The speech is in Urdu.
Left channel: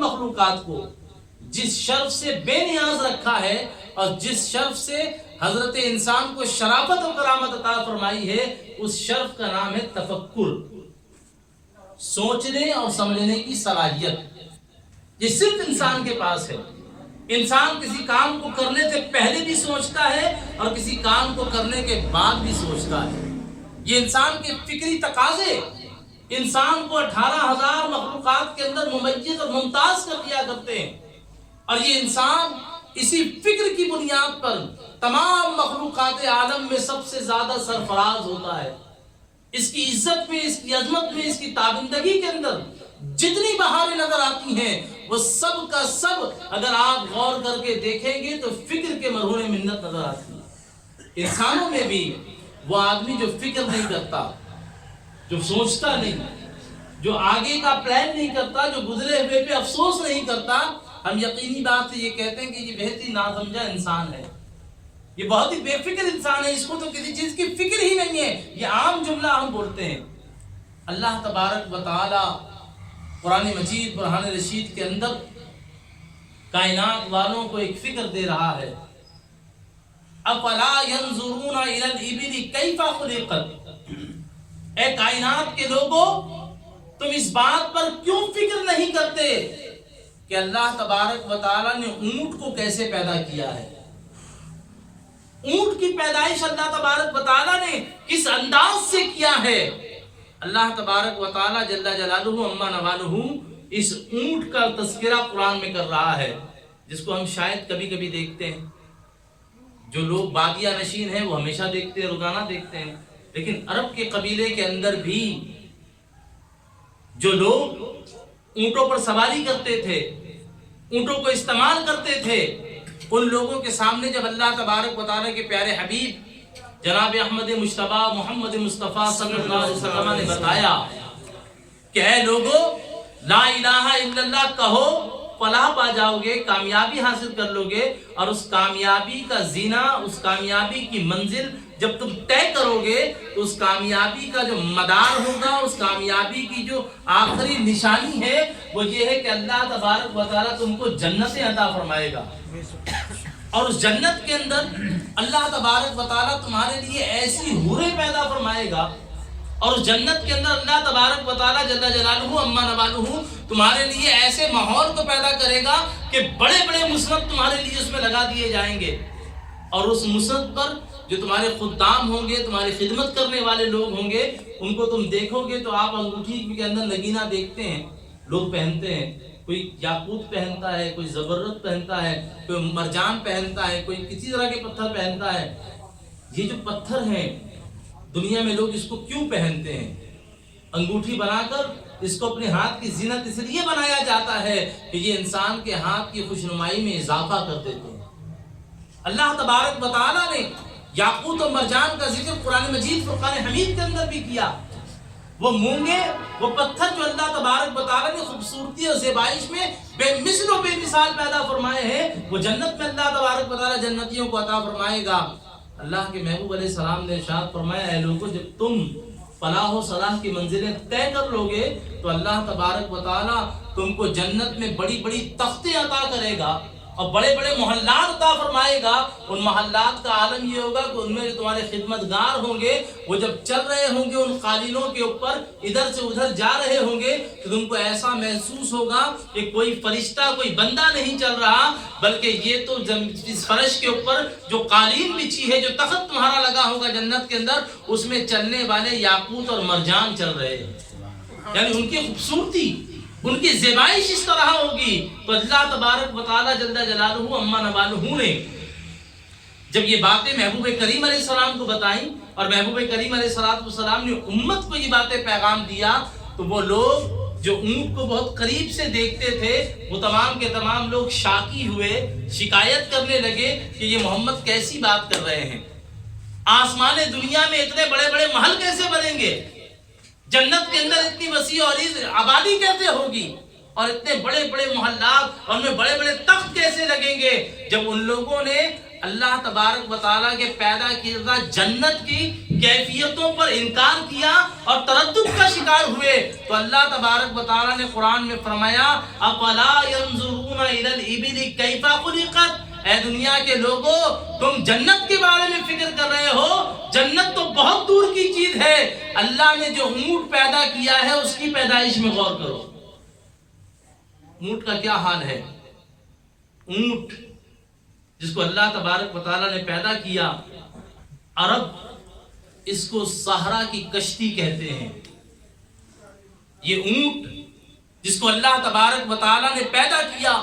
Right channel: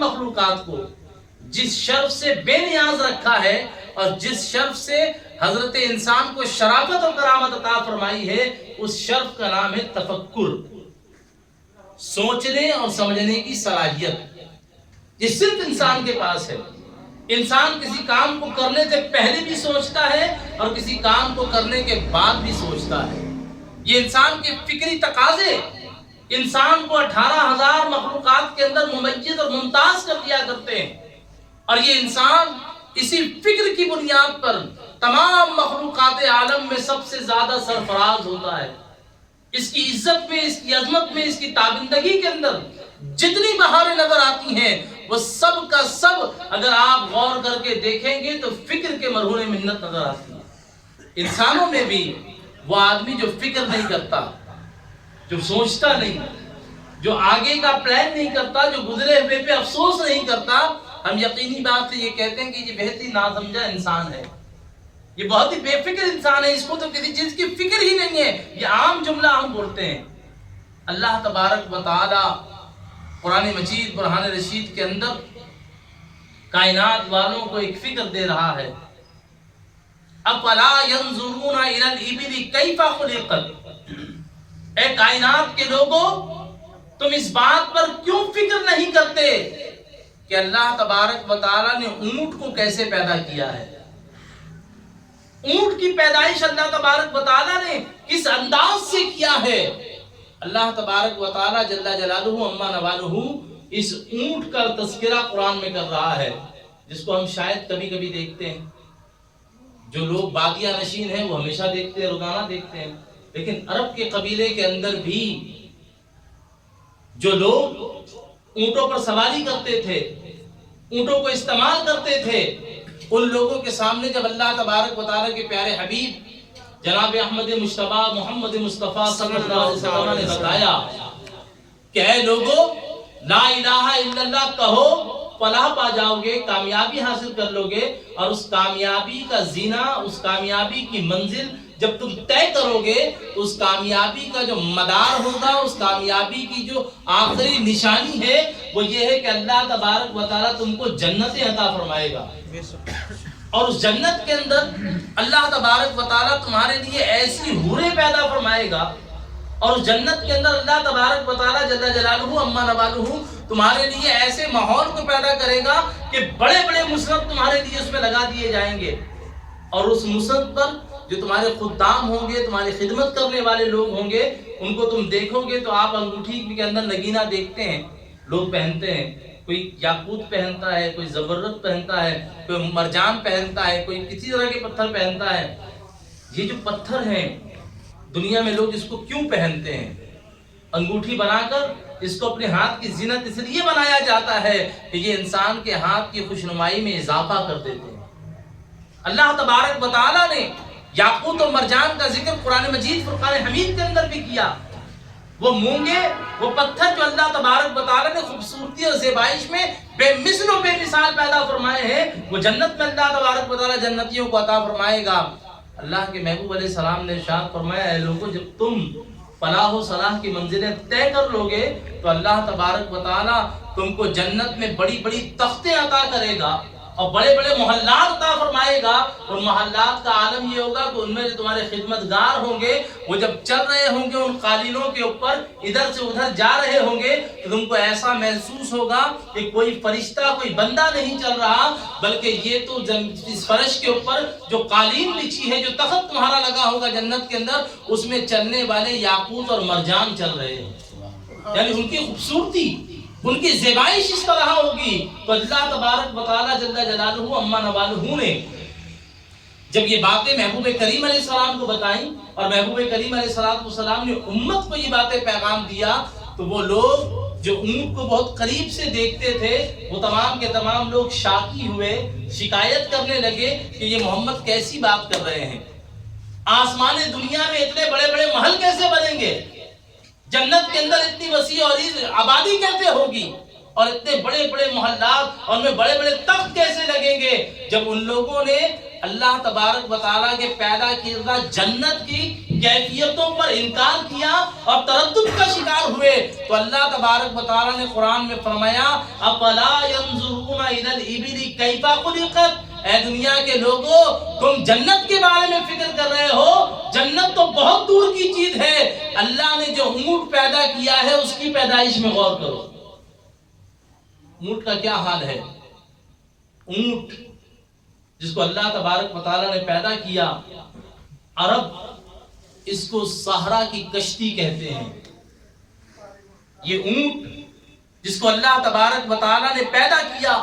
مخلوقات کو جس شرف سے بے نیاز رکھا ہے اور جس شرف سے حضرت انسان کو شرافت و کرامت عطا فرمائی ہے، اس شرف کا نام ہے تفکر، سوچنے اور سمجھنے کی صلاحیت۔ یہ صرف انسان کے پاس ہے۔ انسان کسی کام کو کرنے سے پہلے بھی سوچتا ہے اور کسی کام کو کرنے کے بعد بھی سوچتا ہے۔ یہ انسان کے فکری تقاضے انسان کو 18,000 مخلوقات کے اندر ممیز اور ممتاز کر دیا کرتے ہیں، اور یہ انسان اسی فکر کی بنیاد پر تمام مخلوقات عالم میں سب سے زیادہ سرفراز ہوتا ہے۔ اس کی عزت میں، اس کی عظمت میں، اس کی تابندگی کے اندر جتنی بہاریں نظر آتی ہیں وہ سب کا سب اگر آپ غور کر کے دیکھیں گے تو فکر کے مرہون منت نظر آتی ہے۔ انسانوں میں بھی وہ آدمی جو فکر نہیں کرتا، جو سوچتا نہیں، جو آگے کا پلان نہیں کرتا، جو گزرے ہوئے پہ افسوس نہیں کرتا، ہم یقینی بات سے یہ کہتے ہیں کہ یہ بہت ہی ناسمجھا انسان ہے، یہ بہت ہی بے فکر انسان ہے، اس کو تو کسی چیز کی فکر ہی نہیں ہے۔ یہ عام جملہ ہم بولتے ہیں۔ اللہ تبارک و تعالی قرآن مجید برہان رشید کے اندر کائنات والوں کو ایک فکر دے رہا ہے۔ افلا ينظرون الى الابل کیف خلقت، اے کائنات کے لوگوں تم اس بات پر کیوں فکر نہیں کرتے کہ اللہ تبارک و تعالی نے اونٹ کو کیسے پیدا کیا ہے؟ اونٹ کی پیدائش اللہ تبارک و تعالی نے کس انداز سے کیا ہے؟ اللہ تبارک و تعالی جل جلالہ عما نوالہ اس اونٹ کا تذکرہ قرآن میں کر رہا ہے، جس کو ہم شاید کبھی کبھی دیکھتے ہیں۔ جو لوگ بادیہ نشین ہیں وہ ہمیشہ دیکھتے ہیں، روزانہ دیکھتے ہیں، لیکن عرب کے قبیلے کے اندر بھی جو لوگ اونٹوں پر سواری کرتے تھے، اونٹوں کو استعمال کرتے تھے، ان لوگوں کے سامنے جب اللہ تبارک و تعالیٰ کے پیارے حبیب جناب احمد مجتبی محمد مصطفیٰ صلی اللہ علیہ وسلم نے بتایا کہ اے لوگو لا الہ الا اللہ کہو، فلاح پا جاؤ گے، کامیابی حاصل کر لو گے، اور اس کامیابی کا زینہ، اس کامیابی کی منزل جب تم طے کرو گے تو اس کامیابی کا جو مدار ہوگا، اس کامیابی کی جو آخری نشانی ہے وہ یہ ہے کہ اللہ تبارک و تعالیٰ تم کو جنت عطا فرمائے گا، اور اس جنت کے اندر اللہ تبارک و تعالیٰ تمہارے لیے ایسی حوریں پیدا فرمائے گا، اور اس جنت کے اندر اللہ تبارک و تعالیٰ جل جلالہ عما نوالہ تمہارے لیے ایسے ماحول کو پیدا کرے گا کہ بڑے بڑے مسند تمہارے لیے اس میں لگا دیے جائیں گے، اور اس مسند پر جو تمہارے خدام ہوں گے، تمہاری خدمت کرنے والے لوگ ہوں گے، ان کو تم دیکھو گے تو آپ انگوٹھی کے اندر نگینہ دیکھتے ہیں، لوگ پہنتے ہیں، کوئی یاقوت پہنتا ہے، کوئی زبرجد پہنتا ہے، کوئی مرجان پہنتا ہے، کوئی کسی طرح کے پتھر پہنتا ہے۔ یہ جو پتھر ہیں دنیا میں لوگ اس کو کیوں پہنتے ہیں؟ انگوٹھی بنا کر اس کو اپنے ہاتھ کی زینت اس لیے بنایا جاتا ہے کہ یہ انسان کے ہاتھ کی خوشنمائی میں اضافہ کر دیتے ہیں۔ اللہ تبارک و تعالیٰ نے یاقوت و مرجان کا ذکر قرآن مجید فرقان حمید کے اندر بھی کیا۔ وہ مونگے، وہ پتھر جو اللہ تبارک و تعالیٰ نے خوبصورتی اور زیبائش میں بے مثل و بے مثال پیدا فرمائے ہیں، وہ جنت میں اللہ تبارک و تعالیٰ جنتیوں کو عطا فرمائے گا۔ اللہ کے محبوب علیہ السلام نے ارشاد فرمایا، اے لوگوں جب تم فلاح و صلاح کی منزلیں طے کر لو گے تو اللہ تبارک و تعالیٰ تم کو جنت میں بڑی بڑی تختیں عطا کرے گا اور بڑے بڑے محلات عطا فرمائے گا۔ ان محلات کا عالم یہ ہوگا کہ ان میں جو تمہارے خدمتگار ہوں گے وہ جب چل رہے ہوں گے ان قالینوں کے اوپر، ادھر سے ادھر جا رہے ہوں گے تو تم کو ایسا محسوس ہوگا کہ کوئی فرشتہ، کوئی بندہ نہیں چل رہا، بلکہ یہ تو اس فرش کے اوپر جو قالین بچھی ہے، جو تخت تمہارا لگا ہوگا جنت کے اندر، اس میں چلنے والے یاقوت اور مرجان چل رہے ہیں۔ یعنی ان کی خوبصورتی، ان کی زیبائش اس طرح ہوگی۔ تو اللہ تبارک و تعالیٰ جل جلالہ عما نوالہ نے جب یہ باتیں محبوب کریم علیہ السلام کو بتائیں اور محبوب کریم علیہ السلام نے امت کو یہ باتیں پیغام دیا، تو وہ لوگ جو اونٹ کو بہت قریب سے دیکھتے تھے وہ تمام کے تمام لوگ شاکی ہوئے، شکایت کرنے لگے کہ یہ محمد کیسی بات کر رہے ہیں، آسمان دنیا میں اتنے بڑے بڑے محل کیسے بنیں گے، جنت کے اندر اتنی وسیع اور آبادی کیسے ہوگی، اور اتنے بڑے بڑے محلات اور ان میں بڑے بڑے تخت کیسے لگیں گے۔ جب ان لوگوں نے اللہ تبارک و تعالیٰ کے پیدا کردہ جنت کی کیفیتوں پر انکار کیا اور تردد کا شکار ہوئے تو اللہ تبارک و تعالیٰ نے قرآن میں فرمایا افلا ينظرون الى الابل کیف خلقت، اے دنیا کے لوگوں تم جنت کے بارے میں فکر کر رہے ہو، جنت تو بہت دور کی چیز ہے، اللہ نے جو اونٹ پیدا کیا ہے اس کی پیدائش میں غور کرو۔ اونٹ کا کیا حال ہے؟ اونٹ جس کو اللہ تبارک و تعالیٰ نے پیدا کیا، عرب اس کو صحرا کی کشتی کہتے ہیں۔ یہ اونٹ جس کو اللہ تبارک و تعالیٰ نے پیدا کیا